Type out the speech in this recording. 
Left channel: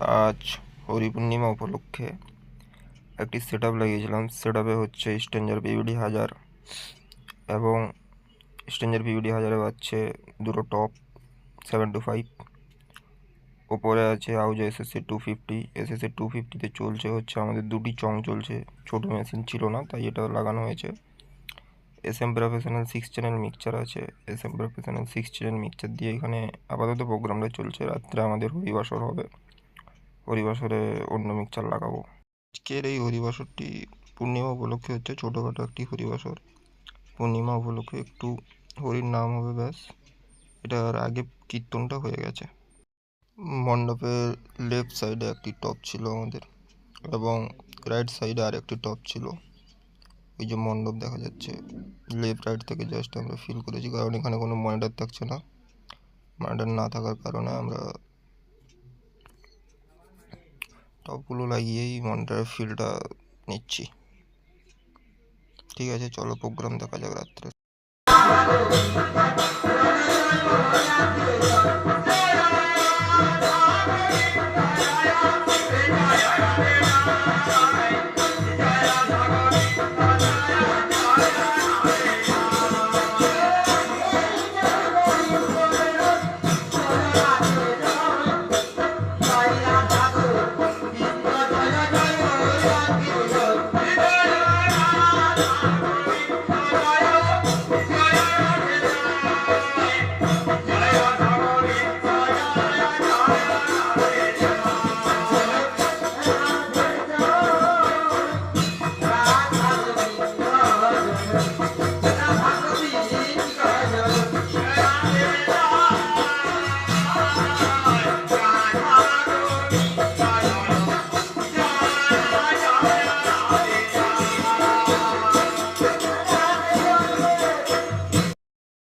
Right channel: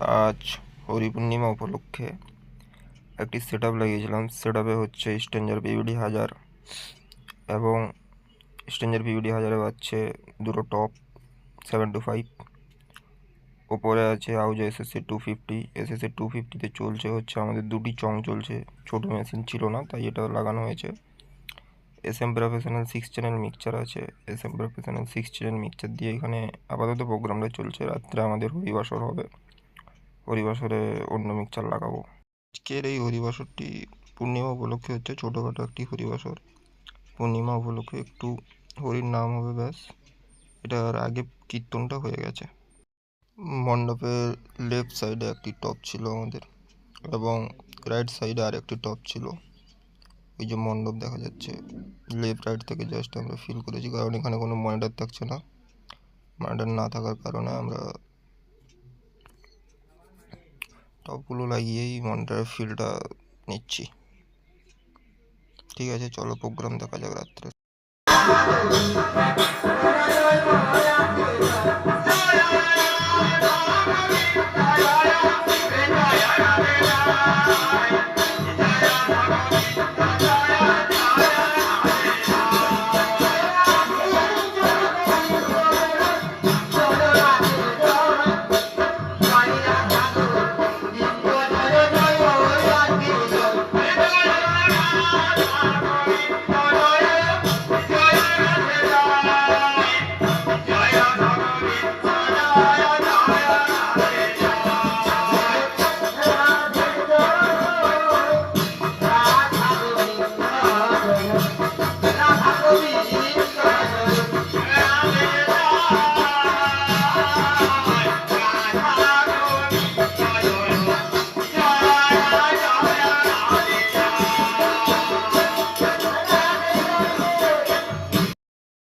আজ হরি পূর্ণিমা উপলক্ষে একটি সেট আপ লাগিয়েছিলাম। সেট আপে হচ্ছে স্ট্রেঞ্জার বিবিডি হাজার এবং স্ট্রেঞ্জার বিবিডি হাজারে পাচ্ছে দুটো টপ সেভেন টু ফাইভ ওপরে আছে আউজা SSC two fifty SSC two ফিফটিতে চলছে হচ্ছে আমাদের দুটি চং চলছে। ছোটো মেশিন ছিল না, তাই এটা লাগানো হয়েছে। S M professional six channel mixture আছে। S M professional six channel mixture দিয়ে এখানে আপাতত প্রোগ্রামটা চলছে। রাত্রে আমাদের হরিবাসর হবে। হরিবাসরে অন্য মিক্সচার লাগাবো। আজকের এই হরিবাসরটি পূর্ণিমা উপলক্ষে হচ্ছে ছোটোখাটো একটি হরিবাসর। পূর্ণিমা উপলক্ষে একটু হরির নাম হবে ব্যাস। এটার আগে কীর্তনটা হয়ে গেছে। মণ্ডপের লেফট সাইডে একটি টপ ছিল আমাদের এবং রাইট সাইডে আর একটি টপ ছিল। ওই যে মণ্ডপ দেখা যাচ্ছে লেফট রাইট থেকে জাস্ট আমরা ফিল করেছি, কারণ এখানে কোনো মনিটর থাকছে না। মনিটর না থাকার কারণে আমরা সবগুলো লাগিয়েই মনিটরের ফিলটা নিচ্ছি ঠিক আছে চলো প্রোগ্রাম দেখা যাক রাত্রে